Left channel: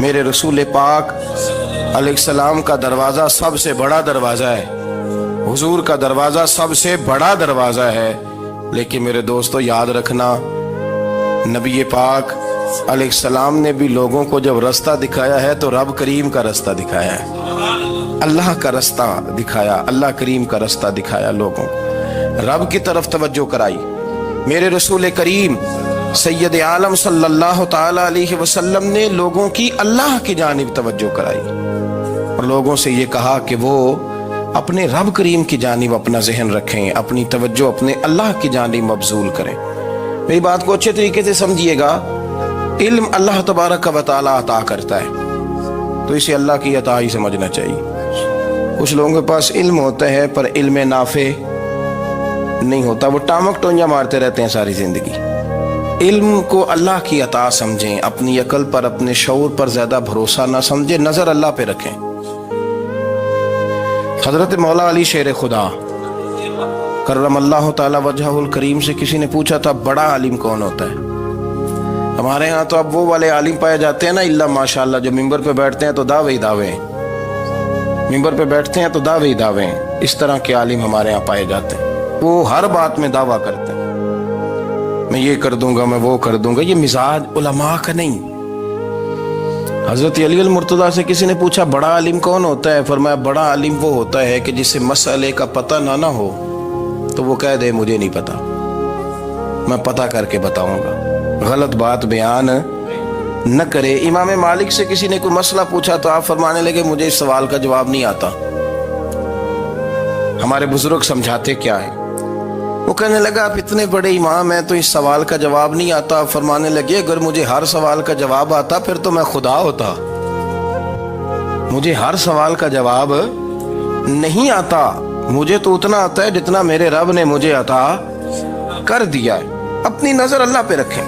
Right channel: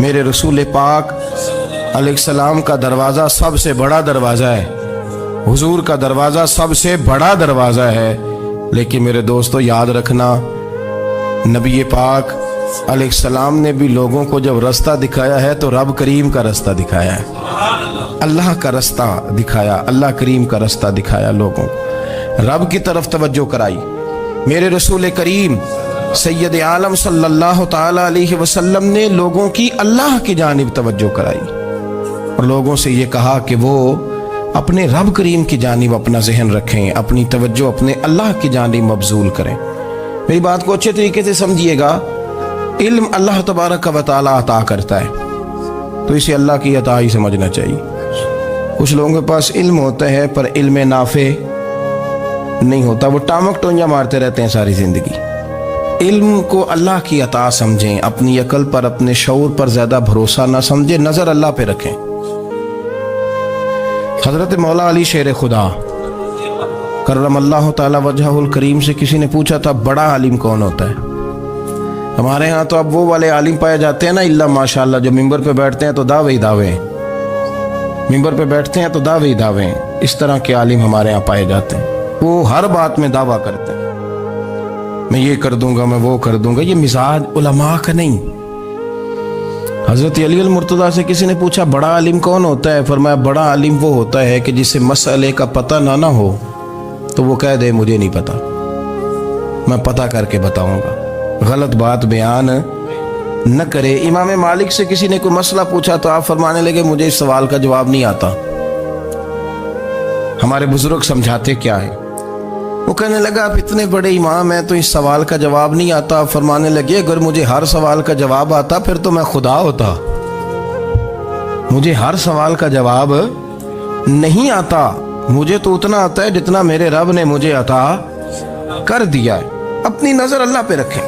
میرے رسول پاک علیہ السلام کا دروازہ سب سے بڑا دروازہ ہے، حضور کا دروازہ سب سے بڑا دروازہ ہے، لیکن میرے دوستو یاد رکھنا، نبی پاک علیہ السلام نے بھی لوگوں کو جب رستہ دکھایا ہے تو رب کریم کا رستہ دکھایا ہے، اللہ کا رستہ دکھایا، اللہ کریم کا رستہ دکھایا، لوگوں رب کی طرف توجہ کرائی۔ میرے رسول کریم سید عالم صلی اللہ تعالی علیہ وسلم نے لوگوں کی اللہ کی جانب توجہ کرائی اور لوگوں سے یہ کہا کہ وہ اپنے رب کریم کی جانب اپنا ذہن رکھیں، اپنی توجہ اپنے اللہ کی جانب مبذول کریں۔ میری بات کو اچھے طریقے سے سمجھیے گا، علم اللہ تبارک و تعالی عطا کرتا ہے تو اسے اللہ کی عطا ہی سمجھنا چاہیے۔ کچھ لوگوں کے پاس علم ہوتا ہے پر علم نافع نہیں ہوتا، وہ ٹامک ٹونجا مارتے رہتے ہیں ساری زندگی۔ علم کو اللہ کی عطا سمجھیں، اپنی عقل پر اپنے شعور پر زیادہ بھروسہ نہ سمجھیں، نظر اللہ پہ رکھیں۔ حضرت مولا علی شیر خدا کرم اللہ تعالی وجہہ الکریم سے کسی نے پوچھا تھا بڑا عالم کون ہوتا ہے؟ ہمارے ہاں تو اب وہ والے عالم پائے جاتے ہیں نا، اللہ ماشاءاللہ، جو ممبر پہ بیٹھتے ہیں تو دعوے ہی دعوے ہیں، ممبر پہ بیٹھتے ہیں تو دعوے ہی دعوے ہیں، اس طرح کے عالم ہمارے ہاں پائے جاتے ہیں، وہ ہر بات میں دعویٰ کرتے ہیں، میں یہ کر دوں گا، میں وہ کر دوں گا۔ یہ مزاج علماء کا نہیں۔ حضرت علی المرتضیٰ سے کسی نے پوچھا بڑا عالم کون ہوتا ہے؟ فرمایا بڑا عالم وہ ہوتا ہے کہ جسے مسئلے کا پتہ نہ ہو تو وہ کہہ دے مجھے نہیں پتا، میں پتہ کر کے بتاؤں گا، غلط بات بیان نہ کرے۔ امام مالک سے کسی نے کوئی مسئلہ پوچھا تو آپ فرمانے لگے مجھے اس سوال کا جواب نہیں آتا۔ ہمارے بزرگ سمجھاتے کیا ہے؟ وہ کہنے لگا آپ اتنے بڑے امام ہیں تو اس سوال کا جواب نہیں آتا۔ فرمانے لگے اگر مجھے ہر سوال کا جواب آتا پھر تو میں خدا ہوتا، مجھے ہر سوال کا جواب نہیں آتا، مجھے تو اتنا آتا ہے جتنا میرے رب نے مجھے عطا کر دیا ہے۔ اپنی نظر اللہ پہ رکھیں،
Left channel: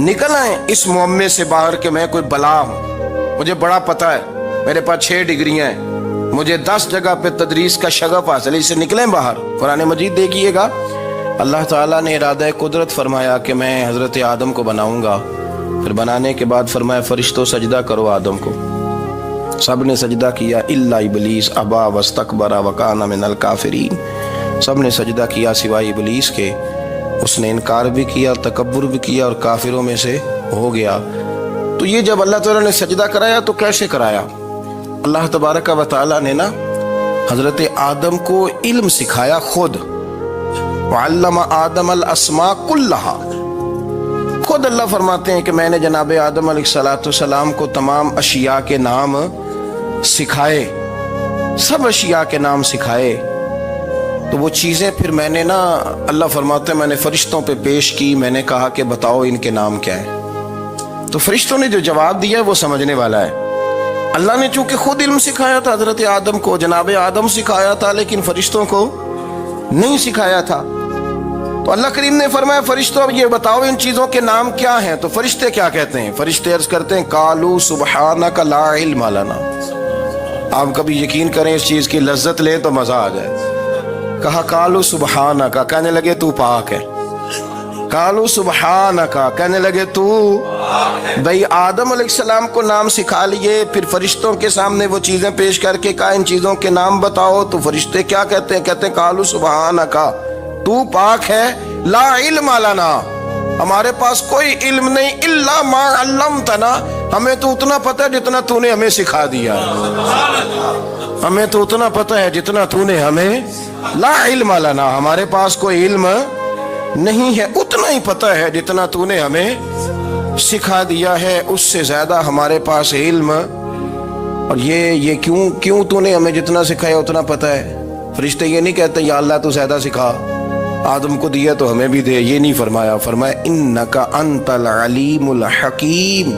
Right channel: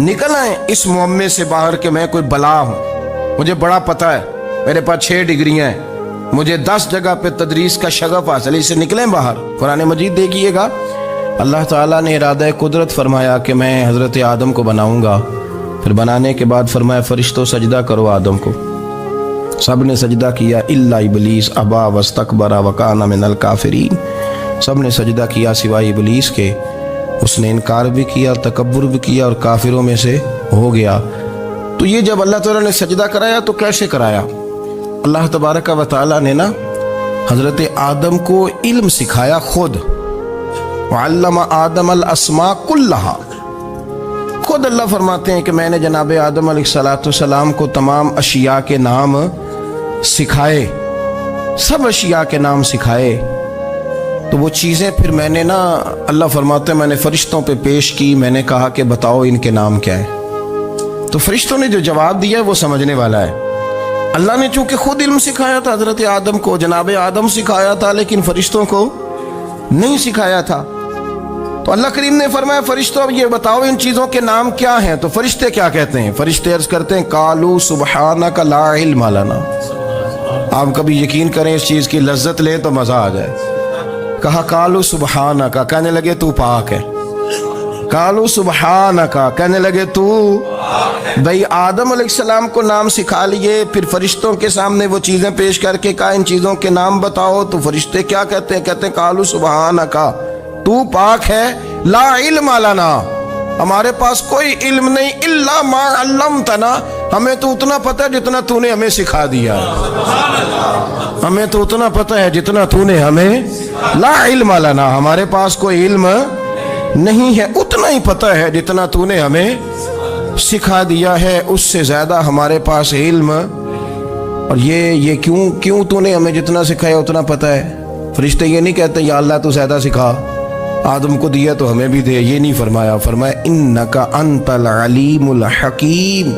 نکل آئیں اس معمے سے باہر کہ میں کوئی بلا ہوں، مجھے بڑا پتہ ہے، میرے پاس 6 ڈگریاں ہیں، مجھے 10 جگہ پہ تدریس کا شغف حاصل ہے، اس سے نکلیں باہر۔ قرآن مجید دیکھیے گا، اللہ تعالیٰ نے ارادہ قدرت فرمایا کہ میں حضرت آدم کو بناؤں گا، پھر بنانے کے بعد فرمایا فرشتوں سجدہ کرو آدم کو، سب نے سجدہ کیا الا ابلیس ابا واستکبر وکان من الکافرین، سب نے سجدہ کیا سوائے ابلیس کے، اس نے انکار بھی کیا، تکبر بھی کیا اور کافروں میں سے ہو گیا۔ تو یہ جب اللہ تعالیٰ نے سجدہ کرایا تو کیسے کرایا؟ اللہ تبارک و تعالیٰ نے نا حضرت آدم کو علم سکھایا خود، وعلم آدم الاسماء کلہا، خود اللہ فرماتے ہیں کہ میں نے جناب آدم علیہ السلام کو تمام اشیاء کے نام سکھائے، سب اشیاء کے نام سکھائے۔ تو وہ چیزیں پھر میں نے نا، اللہ فرماتے ہیں میں نے فرشتوں پہ پیش کی، میں نے کہا کہ بتاؤ ان کے نام کیا ہے، تو فرشتوں نے جو جواب دیا ہے وہ سمجھنے والا ہے۔ اللہ نے چونکہ خود علم سکھایا تھا حضرت آدم کو، جناب آدم سکھایا تھا، لیکن فرشتوں کو نہیں سکھایا تھا۔ تو اللہ کریم نے فرمایا فرشتوں اب یہ بتاؤ ان چیزوں کے نام کیا ہیں؟ تو فرشتے کیا کہتے ہیں؟ فرشتے عرض کرتے ہیں قالوا سبحانک لا علم لنا۔ آپ کبھی یقین کریں اس چیز کی لذت لیں تو مزہ آ جائے۔ کہا قالوا سبحانک، کہنے لگے تو پاک ہے، قالوا سبحانک، کہنے لگے تو بھئی آدم علیہ السلام کو نام سکھا لیے، پھر فرشتوں کے سامنے وہ چیزیں پیش کر کے کہا ان چیزوں کے نام بتاؤ، تو فرشتے کیا کہتے ہیں؟ کہتے ہیں قالوا سبحانک، تو پاک ہے، لا علم لنا، ہمارے پاس کوئی علم نہیں، الا ما علمتنا، ہمیں تو اتنا پتہ ہے جتنا تو نے ہمیں سکھا دیا، ہمیں تو اتنا پتہ ہے جتنا تو نے ہمیں، لا علم لنا، ہمارے پاس کوئی علم نہیں ہے، اتنا ہی پتہ ہے جتنا تو نے ہمیں سکھا دیا ہے، اس سے زیادہ ہمارے پاس علم، اور یہ کیوں تو نے ہمیں جتنا سکھایا اتنا پتہ ہے۔ فرشتے یہ نہیں کہتے یا اللہ تو زیادہ سکھا، آدم کو دیا تو ہمیں بھی دے، یہ نہیں فرمایا، فرمایا انک انت العلیم الحکیم،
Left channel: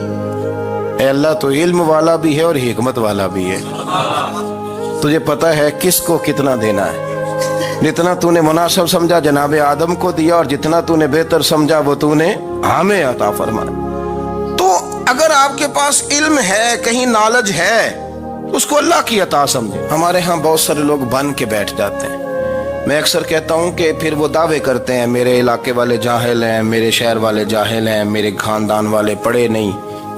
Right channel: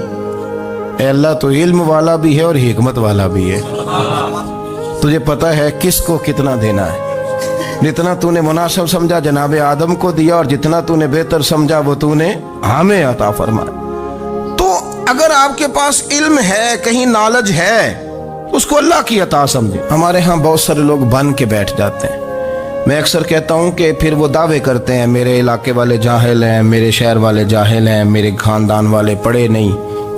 اے اللہ تو علم والا بھی ہے اور حکمت والا بھی ہے، تجھے پتہ ہے کس کو کتنا دینا ہے، جتنا تو نے مناسب سمجھا جناب آدم کو دیا، اور جتنا تو نے بہتر سمجھا وہ تو نے ہمیں عطا فرمایا۔ تو اگر آپ کے پاس علم ہے، کہیں نالج ہے، اس کو اللہ کی عطا سمجھیں۔ ہمارے ہاں بہت سارے لوگ بن کے بیٹھ جاتے ہیں، میں اکثر کہتا ہوں کہ پھر وہ دعوے کرتے ہیں میرے علاقے والے جاہل ہیں، میرے شہر والے جاہل ہیں، میرے خاندان والے پڑھے نہیں،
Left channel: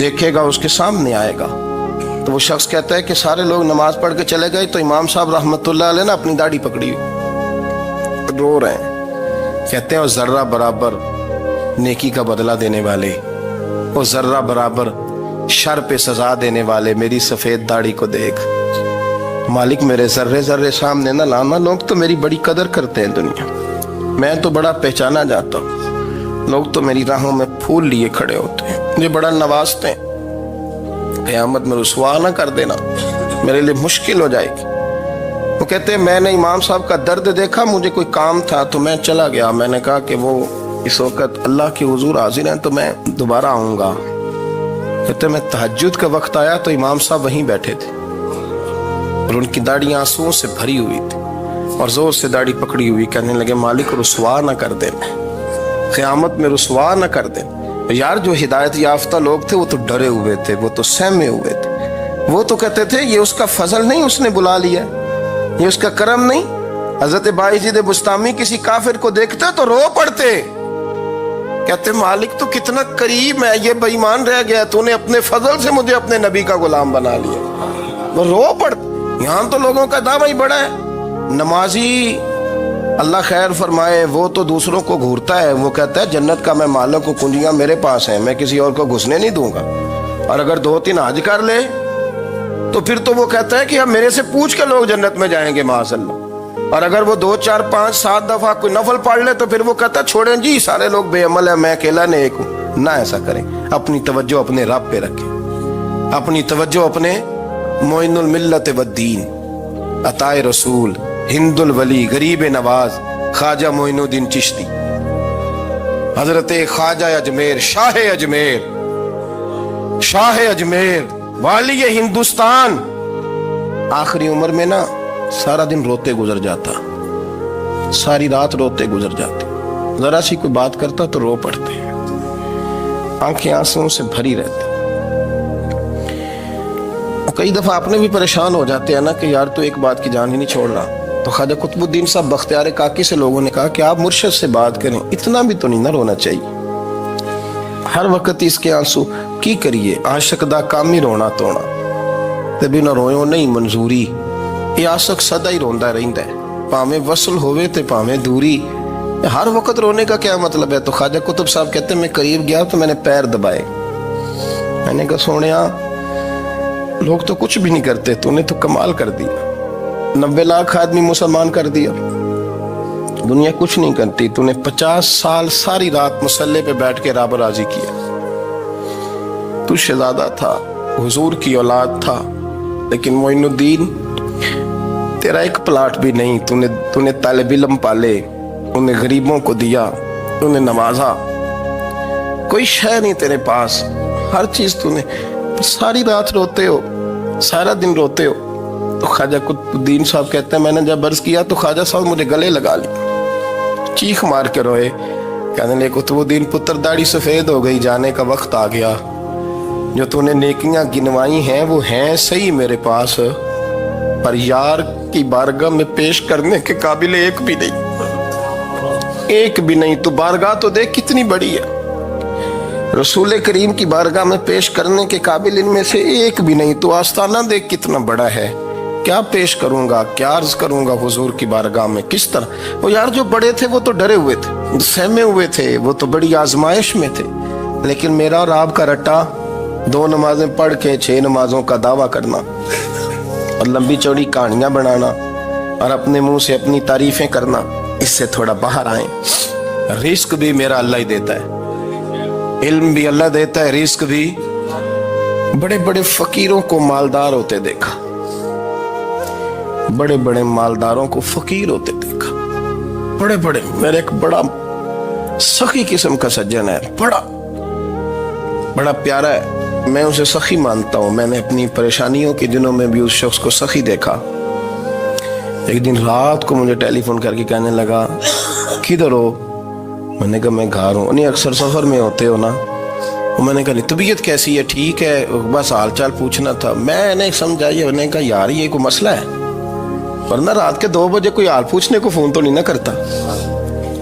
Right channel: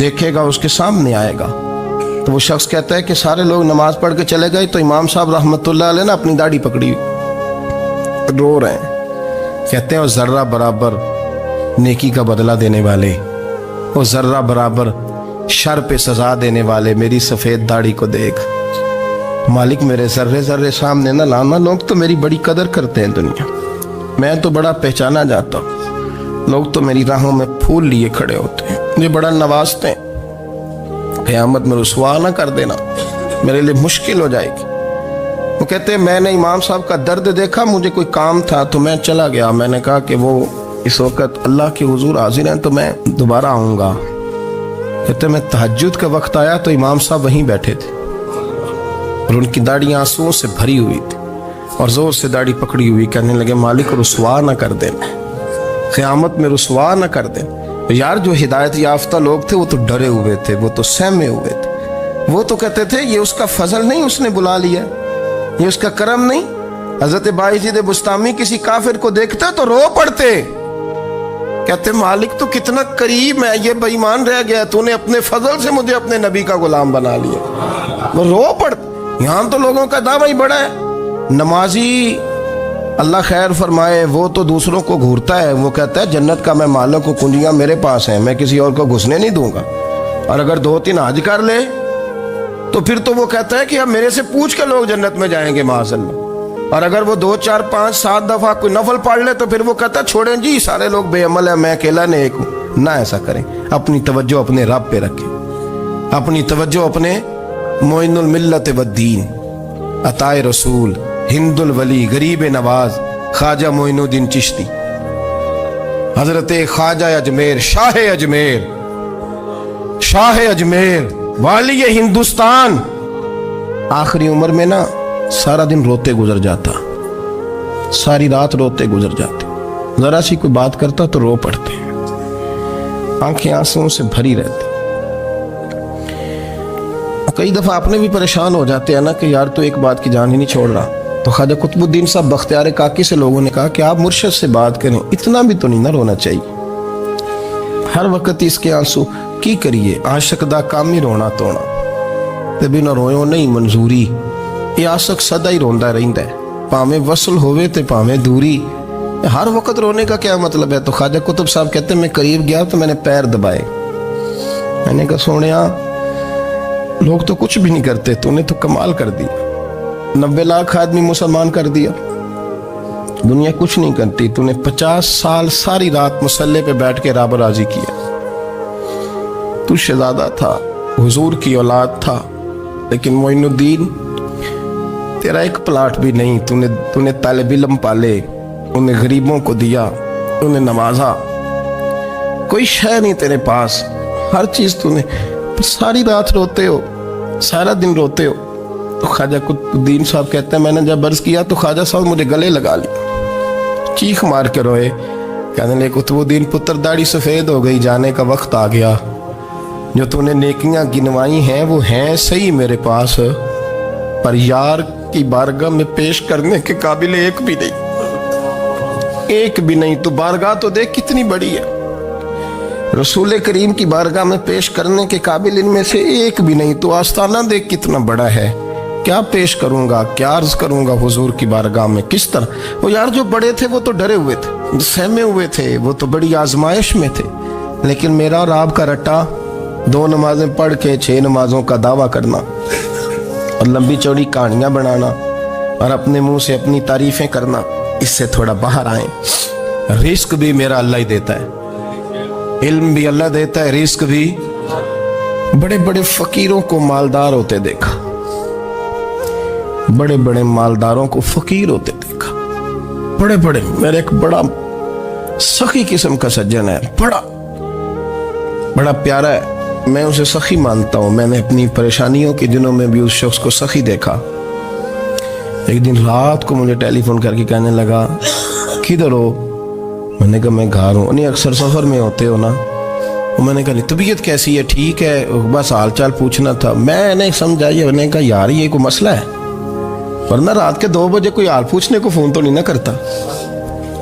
دیکھے گا اس کے سامنے آئے گا. تو وہ شخص کہتا ہے کہ سارے لوگ نماز پڑھ کے چلے گئے تو امام صاحب رحمۃ اللہ علیہ نے اپنی داڑھی پکڑی رو رہے ہیں. کہتے ہیں وہ ذرہ برابر نیکی کا بدلہ دینے والے، وہ ذرہ برابر شر پہ سزا دینے والے میری سفید داڑھی کو دیکھ. مالک میرے ذرے ذرے سامنے نہ لانا، لوگ تو میری بڑی قدر کرتے ہیں دنیا، میں تو بڑا پہچانا جاتا ہوں، لوگ تو میری راہوں میں پھول لیے کھڑے ہوتے ہیں، مجھے بڑا نوازتے ہیں. قیامت میں رسوا نہ کر دینا، میرے لیے مشکل ہو جائے گی. وہ کہتے ہیں میں نے امام صاحب کا درد دیکھا، مجھے کوئی کام تھا تو میں چلا گیا. میں نے کہا کہ وہ اس وقت اللہ کے حضور حاضر ہیں تو میں دوبارہ آؤں گا. کہتے ہیں میں تہجد کا وقت آیا تو امام صاحب وہیں بیٹھے تھے اور ان کی داڑھی آنسوؤں سے بھری ہوئی تھی اور زور سے داڑھی پکڑی ہوئی. کہنے لگے مالک رسوا نہ کر دیں، قیامت میں رسوا نہ کر دیں. یار جو ہدایت یافتہ لوگ تھے وہ تو ڈرے ہوئے تھے، وہ تو سہمے ہوئے تھے. وہ تو کہتے تھے یہ اس کا فضل نہیں، اس نے بلا لیا، یہ اس کا کرم نہیں. حضرت بایزید بسطامی کسی کافر کو دیکھتے تو رو پڑتے، کہتے مالک تو کتنا قریب ہے، یہ بے ایمان رہ گیا، تو نے اپنے فضل سے مجھے اپنے نبی کا غلام بنا لیا. وہ رو پڑتے. یہاں تو لوگوں کا دعویٰ ہی بڑا ہے. نمازی اللہ خیر فرمائے وہ تو دوسروں کو گھورتا ہے، وہ کہتا ہے جنت کا میں مالک ہوں، کنجیاں میرے پاس ہیں، میں کسی اور کو گھسنے نہیں دوں گا. اور اگر 2-3 حج کر لے تو پھر تو وہ کہتا ہے کہ اب میرے سے پوچھ کے لوگ جنت میں جائیں گے معاذ اللہ. اور اگر وہ 2 4 5 7 دفعہ کوئی نفل پڑھ لے تو پھر وہ کہتا ہے چھوڑیں جی سارے لوگ بے عمل ہیں، میں اکیلا نیک ہوں. نہ ایسا کریں، اپنی توجہ اپنے رب پہ رکھیں، اپنی توجہ اپنے معین الملت والدین، عطائے رسول، ہند الولی، غریب نواز، خواجہ معین الدین چشتی، حضرت خواجہ اجمیر، شاہ اجمیر، شاہ اجمیر، والی ہندوستان. آخری عمر میں نا سارا دن روتے گزر جاتا، ساری رات روتے گزر جاتے، ذرا سی کوئی بات کرتا تو رو پڑتے، آنکھیں آنسوؤں سے بھری رہتی. کئی دفعہ اپنے بھی پریشان ہو جاتے ہیں نا کہ یار تو ایک بات کی جان ہی نہیں چھوڑ رہا. تو خواجہ قطب الدین صاحب بختیار کاکی سے لوگوں نے کہا کہ آپ مرشد سے بات کریں، اتنا بھی تو نہیں نہ رونا چاہیے، ہر وقت اس کے آنسو کی کریے، عاشق دا کام ہی رونا تونا، تبھی نہ رویوں نہیں منظوری. یہ عاشق سدا ہی روندا رہندا ہے، پاویں وصل ہوئے تے پاویں دوری. ہر وقت رونے کا کیا مطلب ہے؟ تو خواجہ قطب صاحب کہتے ہیں میں قریب گیا تو میں نے پیر دبائے، میں نے کہا سونیا لوگ تو کچھ بھی نہیں کرتے، تو نے تو کمال کر دیا، 90 لاکھ آدمی مسلمان کر دیا، دنیا کچھ نہیں کرتی، تو نے 50 سال ساری رات مصلے پہ بیٹھ کے رب راضی کیا. تو شہزادہ تھا، حضور کی اولاد تھا، لیکن معین الدین تیرا ایک پلاٹ بھی نہیں، تو نے طالب علم پالے، انہیں غریبوں کو دیا، انہیں نوازا، کوئی شے نہیں تیرے پاس، ہر چیز تو نے، ساری رات روتے ہو، سارا دن روتے ہو. تو خواجہ قطب الدین صاحب کہتے ہیں میں نے جب عرض کیا تو خواجہ صاحب مجھے گلے لگا لی، چیخ مار کے روئے، کہنے لگے قطب الدین پتر داڑھی سفید ہو گئی، جانے کا وقت آ گیا، جو تو نے نیکیاں گنوائی ہیں وہ ہیں صحیح میرے پاس، پر یار کی بارگاہ میں پیش کرنے کے قابل ایک بھی نہیں، ایک بھی نہیں. تو بارگاہ تو دیکھ کتنی بڑی ہے، رسول کریم کی بارگاہ میں پیش کرنے کے قابل ان میں سے ایک بھی نہیں. تو آستانہ دیکھ کتنا بڑا ہے، کیا پیش کروں گا، کیا عرض کروں گا حضور کی بارگاہ میں، کس طرح. وہ یار جو بڑے تھے وہ تو ڈرے ہوئے تھے، سہمے ہوئے تھے، وہ تو بڑی آزمائش میں تھے. لیکن میرا اور آپ کا رٹا 2 نمازیں پڑھ کے 6 نمازوں کا دعویٰ کرنا اور لمبی چوڑی کہانیاں بنانا اور اپنے منہ سے اپنی تعریفیں کرنا، اس سے تھوڑا باہر آئیں. رزق بھی میرا اللہ ہی دیتا ہے، علم بھی اللہ دیتا ہے، رزق بھی. بڑے بڑے فقیروں کو مالدار ہوتے دیکھا، بڑے بڑے مالداروں کو فقیر ہوتے دیکھا، بڑے بڑے. میرے ایک بڑا سخی قسم کا سجن ہے، بڑا پیارا ہے، میں اسے سخی مانتا ہوں. میں نے اپنی پریشانیوں کے دنوں میں بھی اس شخص کو سخی دیکھا. ایک دن رات کو مجھے ٹیلی فون کر کے کہنے لگا کدھر ہو؟ میں نے کہا میں گھر ہوں. نہیں اکثر سفر میں ہوتے ہو نا؟ میں نے کہا طبیعت کیسی ہے؟ ٹھیک ہے، بس حال چال پوچھنا تھا. میں نے سمجھائی، میں نے کہا یار یہ کوئی مسئلہ ہے، ورنہ رات کے 2 بجے کوئی حال پوچھنے کو فون تو نہیں نہ کرتا.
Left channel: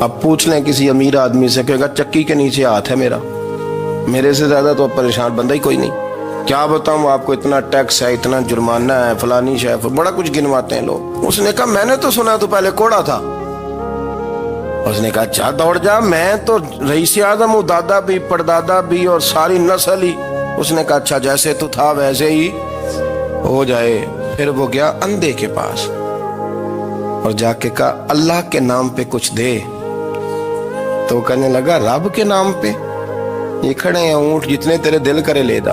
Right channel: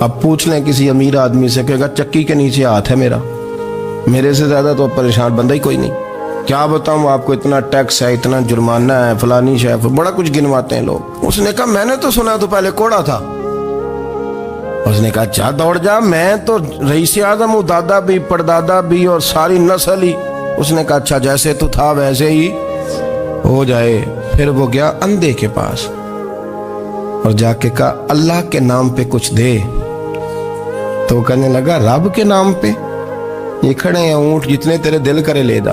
اب پوچھ لیں کسی امیر آدمی سے، کہے گا چکی کے نیچے ہاتھ ہے میرا، میرے سے زیادہ تو پریشان بندہ ہی کوئی نہیں. کیا بتاؤں آپ کو، اتنا ٹیکس ہے، اتنا جرمانہ ہے، فلانی شے، بڑا کچھ گنواتے ہیں لوگ. اس نے کہا میں نے تو سنا تو پہلے کوڑا تھا. اس نے کہا اچھا دوڑ جا، میں تو رئیس اعظم ہوں، دادا بھی پردادا بھی اور ساری نسل ہی. اس نے کہا اچھا جیسے تو تھا ویسے ہی ہو جائے. پھر وہ گیا اندھے کے پاس اور جا کے کہا اللہ کے نام پہ کچھ دے. تو وہ کہنے لگا رب کے نام پہ؟ یہ کھڑے ہیں اونٹ، جتنے تیرے دل کرے لے دا.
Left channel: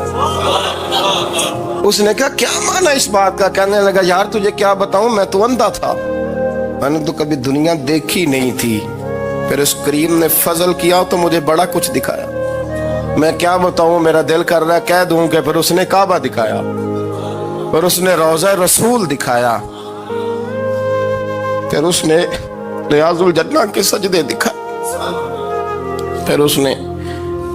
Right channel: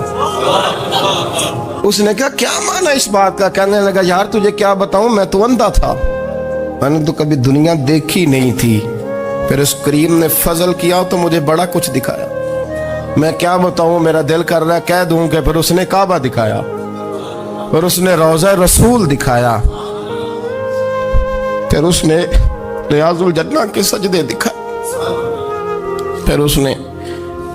اس نے کہا کیا معنی اس بات کا؟ کہنے لگا یار تجھے کیا بتاؤں، میں تو اندھا تھا، میں نے تو کبھی دنیا دیکھی نہیں تھی، پھر اس کریم نے فضل کیا تو مجھے بڑا کچھ دکھایا. میں کیا بتاؤں، میرا دل کر رہا ہے کہہ دوں کہ پھر اس نے کعبہ دکھایا، پھر اس نے روضہ رسول دکھایا، پھر اس نے ریاض الجنہ کے سجدے دکھائے، پھر اس نے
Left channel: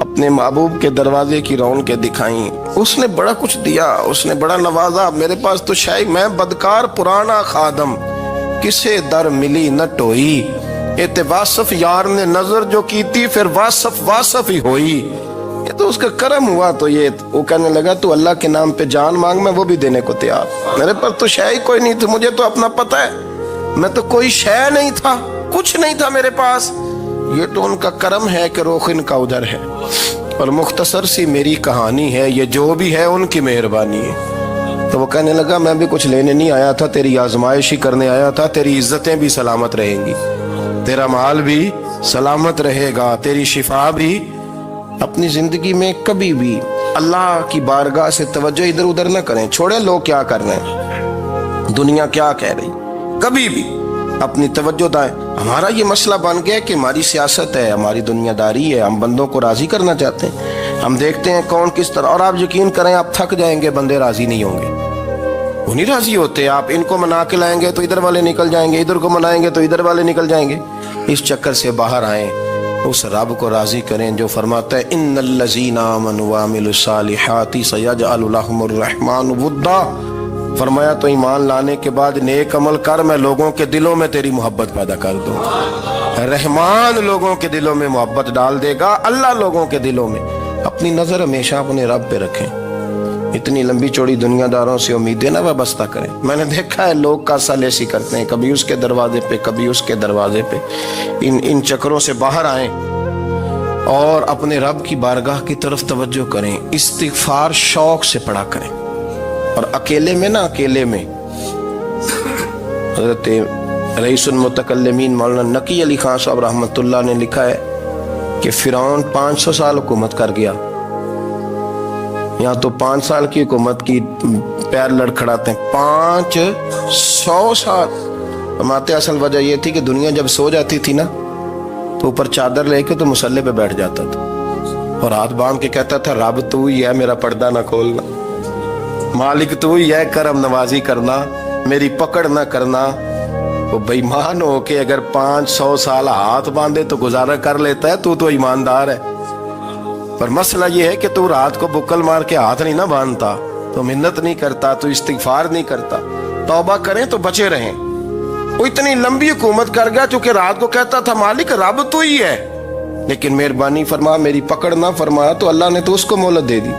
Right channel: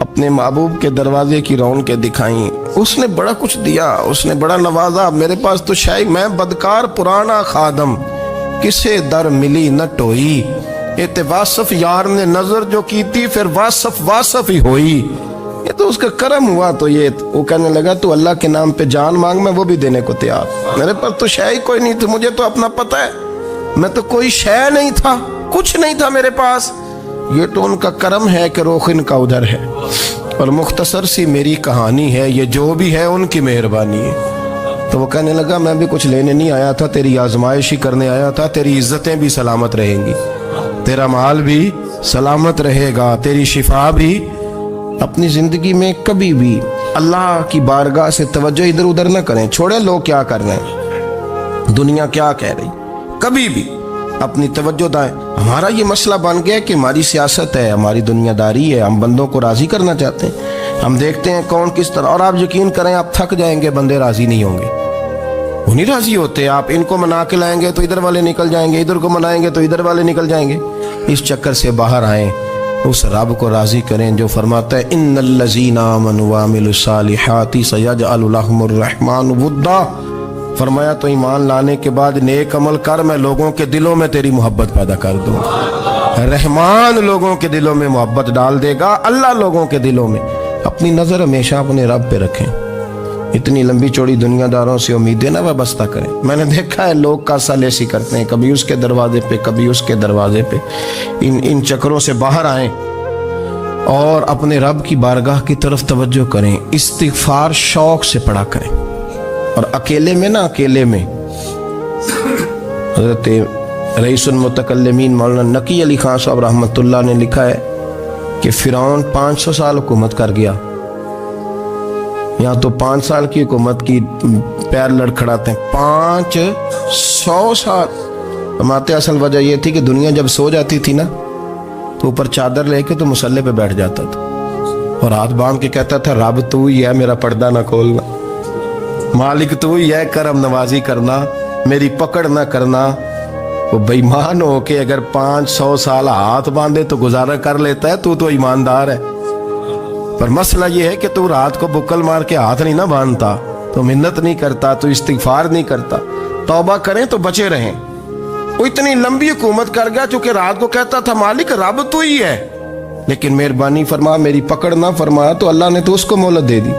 اپنے محبوب کے دروازے کی رونقیں دکھائیں. اس نے بڑا کچھ دیا، اس نے بڑا نوازا. میرے پاس تو شاید میں بدکار پرانا خادم، کسے در ملی نہ ٹوئی، اے واصف یار نے نظر جو کی تھی، پھر واصف ہی ہوئی. یہ تو اس کا کرم ہوا. تو یہ وہ کہنے لگا تو اللہ کے نام پہ جان مانگ، میں وہ بھی دینے کو تیار. میرے پاس تو شے کوئی نہیں تھی، مجھے تو اپنا پتہ ہے، میں تو کوئی شے نہیں تھا، کچھ نہیں تھا میرے پاس. یہ تو ان کا کرم ہے کہ رخ ان کا ادھر ہے. اور مختصر سی میری کہانی ہے، یہ جو بھی ہے ان کی مہربانی ہے. تو وہ کہنے لگا میں بھی کچھ لینے نہیں آیا تھا، تیری آزمائش ہی کرنے آیا تھا. تیری عزتیں بھی سلامت رہیں گی، تیرا مال بھی سلامت رہے گا، تیری شفا بھی. اپنی زندگی میں کبھی بھی اللہ کی بارگاہ سے توجہ ادھر ادھر نہ کریں، چھوڑیں لوگ کیا کر رہے ہیں، دنیا کیا کہہ رہی. کبھی بھی اپنی توجہ دائیں. ہمارا یہ مسئلہ بن گیا کہ ہماری سیاست ہے، ہماری دنیا داری ہے، ہم بندوں کو راضی کرنا چاہتے ہیں. ہم دیکھتے ہیں کون کس طرح، اور آپ یقین کریں آپ تھک جائیں گے، بندے راضی نہیں ہوں گے، وہ نہیں راضی ہوتے. آپ ان کو منا کے لائیں گے تو ادھر والے نکل جائیں گے، ادھر کو منائیں گے تو ادھر والے نکل جائیں گے. اس چکر سے باہر آئیں، اس رب کو راضی کریں جو فرماتا ہے ان الذین آمنوا وعملوا الصالحات سیجعل لهم الرحمن ودا. فرمایا تو ایمان لانے کے بعد نیک عمل کر، میں لوگوں کے دلوں میں تیری محبت پیدا کر دوں. رحمان لوگوں کے دلوں میں محبت ڈال دے گا، اللہ لوگوں کے دلوں میں. اپنی نظر ہمیشہ اپنے رب پہ رکھیں. اتنی لمبی چوڑی دنیا داروں سے امیدیں نہ وابستہ کریں. میں نے دیکھا ہے لوگ کاسا لیسی کرتے ہیں، کبھی اس کے دروازے پہ کبھی اس کے دروازے پہ. ان چکروں سے باہر آئیں اور اپنے رب کی بارگاہ کی طرف توجہ کریں. استغفار شوق سے پڑھا کریں. اور اکیلے میں اکیلے میں حضرت رئیس المتکلمین مولانا نقی علی خان صاحب رحمۃ اللہ نے لکھا ہے کہ فرعون 500 سال حکومت کر گیا. یہاں تو 5 سال کی حکومت کی پیر لڑکھڑاتے ہیں، 500 سال. فرماتے اصل وجہ یہ تھی کہ دنیا جب سو جاتی تھی نا تو اوپر چادر لے کے تو مسلح پہ بیٹھ جاتا تھا اور ہاتھ باندھ کے کہتا تھا رب تو ہی ہے، میرا پردہ نہ کھولنا، مالک تو ہی ہے، کرم نوازی کرنا، میری پکڑ نہ کرنا. وہ بے ایمان ہو کے اگر 500 سال ہاتھ باندھے تو گزارا کر لیتا ہے، تو ایماندار ہے. پر مسئلہ یہ ہے کہ تو رات کو بکل مار کے ہاتھ نہیں نہ باندھتا، تو منت نہیں کرتا، تو استغفار نہیں کرتا. توبہ کریں تو بچے رہیں. وہ اتنی لمبی حکومت کر گیا چونکہ رات کو کہتا تھا مالک رب تو ہی ہے، لیکن مہربانی فرما، میری پکڑ نہ فرمایا تو اللہ نے تو اس کو مہلت دے دی.